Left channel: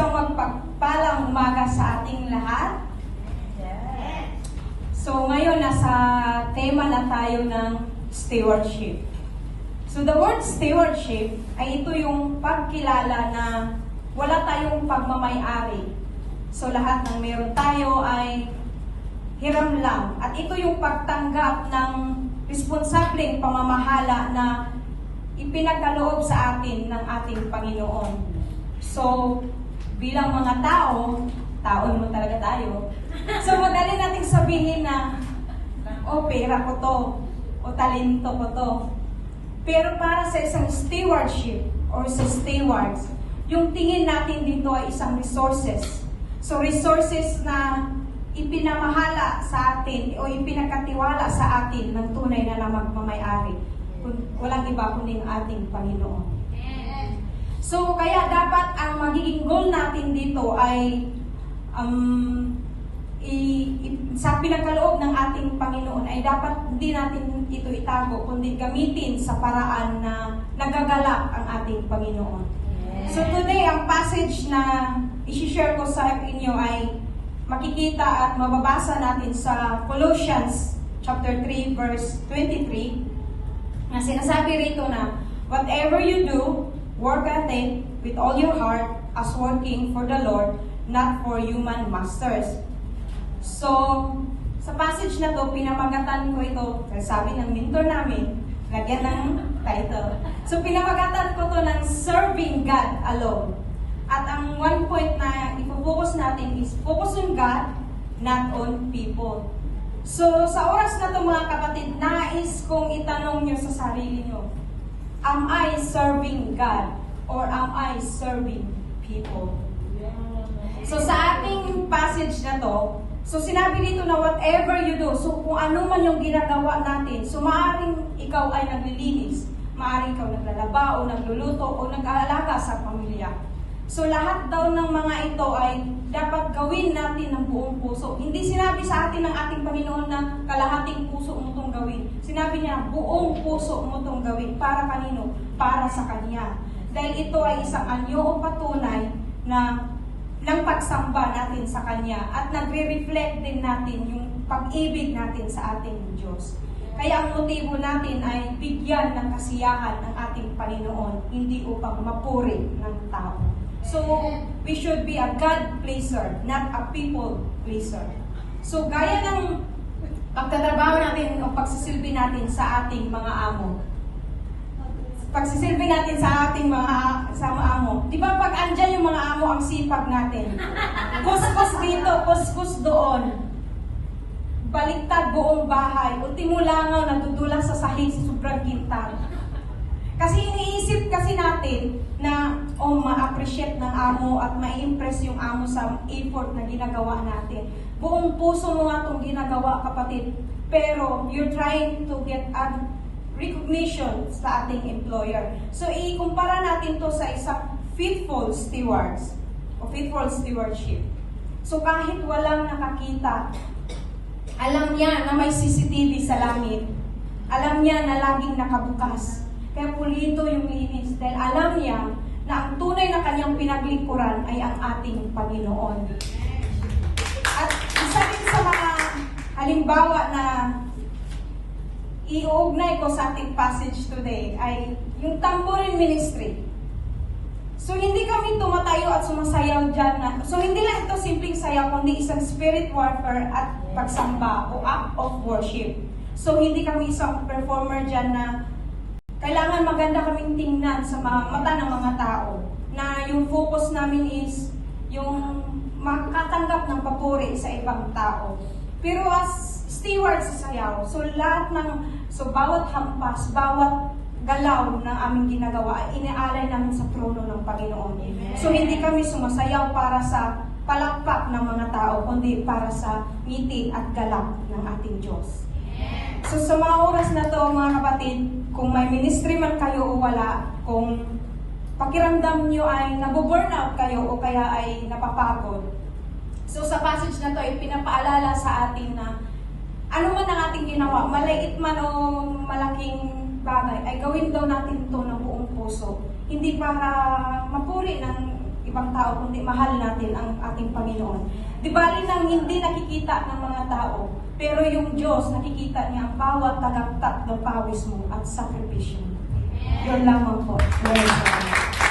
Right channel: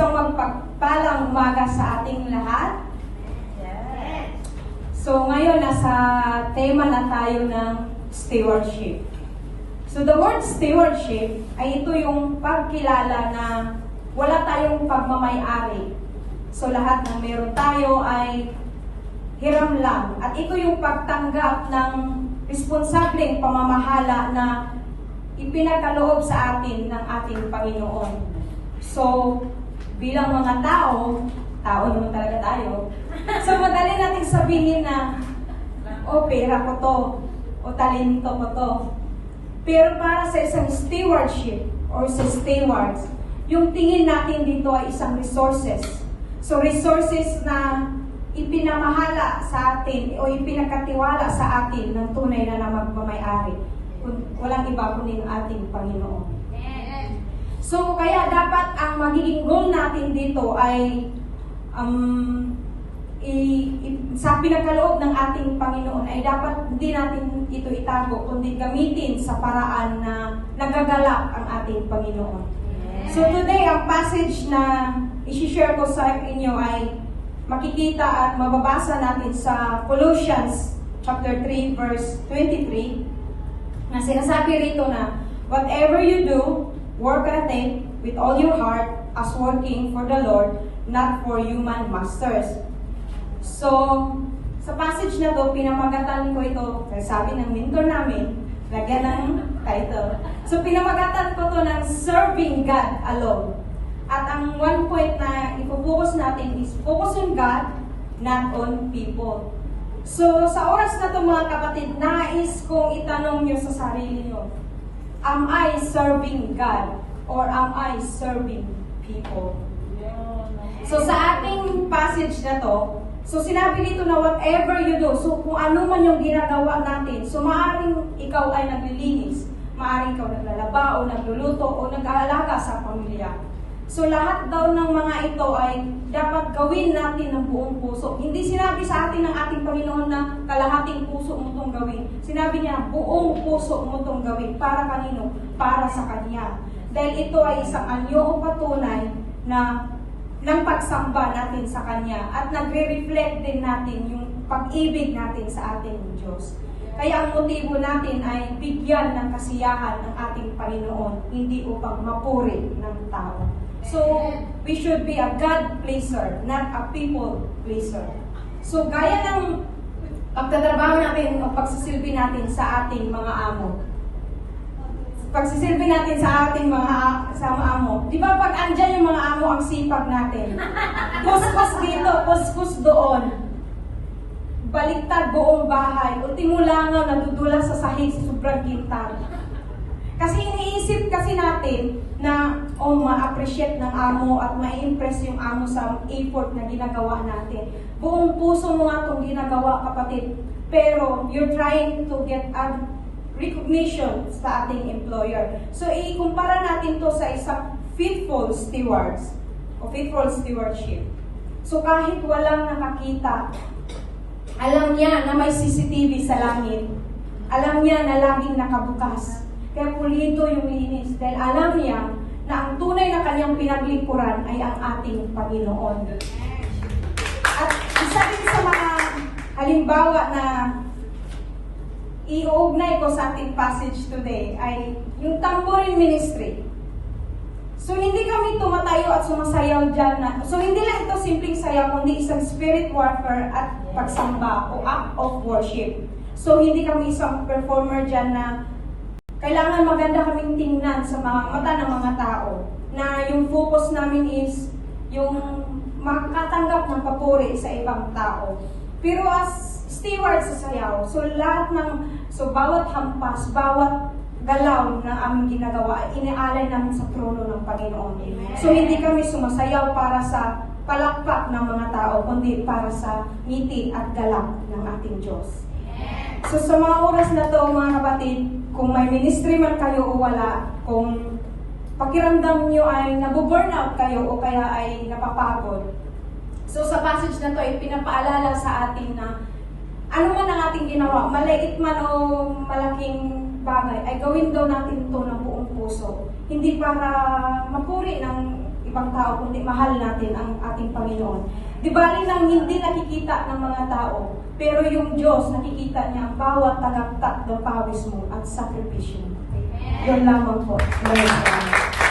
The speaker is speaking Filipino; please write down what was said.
Isang magpagpalang umaga sa ating lahat. So ngayon, nasa tema na tayo ng stewardship. So the word stewardship ay ito yung pagkilala na wala tayong pagmamay-ari. So lahat ng meron tayo ay hiram lang. At ito yung pagtanggap ng responsableng pamamahala na ipinagkaloob sa atin ng ating Panginoon. So, bilang mga tao naman talaga tayo. So, madali nating sabihin na, pera ko to, o talento ko to. Pero para sa isang stewardship, or sa stewards, yung tingin natin dito ay isang resources. So, resources na ipinamahala sa atin, o ipinakatiwala sa atin ng tunay na magmamayari. Walang iba kundi ang ating Panginoon. So, kaya dapat ang magiging goal natin dito ay sa pinagkaloob ng ating Panginoon ay dapat hindi natin ito itago, kundi gamitin sa paraan na nagagalak ang ating Panginoon. So, today, ang passage na isi-share ko sa inyo ay makikita at mababasa natin sa Colossians chapter 3, verse 23, na sinasabi rito na, whatever you do, work at it with all your heart as working for the Lord, not for human masters. So, sa passage na to, pinamagatan ko ito, sabi ng mentor namin, lagyan ng title. So, pinamagatan ko to ng Serving God Alone. At ang one point na ipopokus natin is focus on God, not on people. So, sa oras na ito mga kapatid, nais kong itanong nyo sa sarili nyo, am I serving God or am I serving people? So, sa ating passage na to, so sinabi dito na whatever you do, so kung ano man yung ginagawa natin, so maaaring ikaw ay naglilinis, maaaring ikaw naglalaba o nagluluto o nag-aalaga sa pamilya. So lahat daw ng mga ito ay dapat gawin natin ng buong puso. Hindi sinabi sa atin ng ating Panginoon na kalahating puso mo itong gawin. Sinabi niya, buong puso mo itong gawin. Para kanino? Para sa Kanya. Dahil ito ay isang anyo o patunay na ng pagsamba natin sa Kanya. At nagre-reflect din natin yung pag-ibig natin sa ating Diyos. Kaya ang motibo natin ay bigyan ng kasiyahan ng ating Panginoon, hindi upang mapuri ng tao. So, we should be a God pleaser, not a people pleaser. So, gaya ng pagtatrabaho natin, pagsisilbi natin sa ating mga amo. Pagsisilbi natin sa ating mga amo. Di ba pag andyan yung mga amo, ang sipag natin? Kuskus dito, kuskus doon. Baliktad buong bahay. Ultimo langaw, nadudulas sa sahig sa sobrang kintar. Kasi iniisip kasi natin na ma-appreciate ng amo at ma-impress yung amo sa effort na ginagawa natin. Buong puso mo nga itong ginagawa, kapatid. Pero you're trying to get a recognition sa ating employer. So, ikumpara natin to sa isang faithful stewards o faithful stewardship. So, kahit walang nakakita, alam niya na may CCTV sa langit. Alam niya na laging nakabukas. Kaya pulido yung linis dahil alam niya na ang tunay na kanyang pinaglingkuran ay ang ating Panginoon. At isa din sa mga halimbawa na iuugnay ko sa ating passage today ay yung tambourine ministry. So hindi kami tumatayo at sumasayaw dyan na, so hindi lang ito simpleng sayaw, kundi isang spirit warfare at pagsamba o act of worship. So hindi kami isang performer dyan na kailangan maganda kaming tingnan sa mga mata ng mga tao na yung focus namin is yung makatanggap ng papuri sa ibang tao. Pero as stewards sa sayaw, so bawat hampas, bawat galaw na aming ginagawa, inialay namin sa trono ng Panginoon. So hindi kami sumasayaw para sa palakpak ng mga tao, kundi para sa ngiti at galak ng ating Diyos. So sa mga oras na to, mga kapatid, kung may ministry man kayo o wala, kung pakiramdam nyo ay nabu-burnout kayo o kaya ay napapagod. So sa passage na to ay pinapaalala sa atin na ano man ang ating ginawa, maliit man o malaking bagay, ay gawin daw natin ito ng buong puso. Hindi para mapuri ng ibang tao, kundi mahal natin ang ating Panginoon. Di ba rin ang hindi nakikita ng mga tao, pero yung Diyos nakikita niya ang bawat tagaptak ng pawis mo at sakripisyo. Yun lamang po. Amen.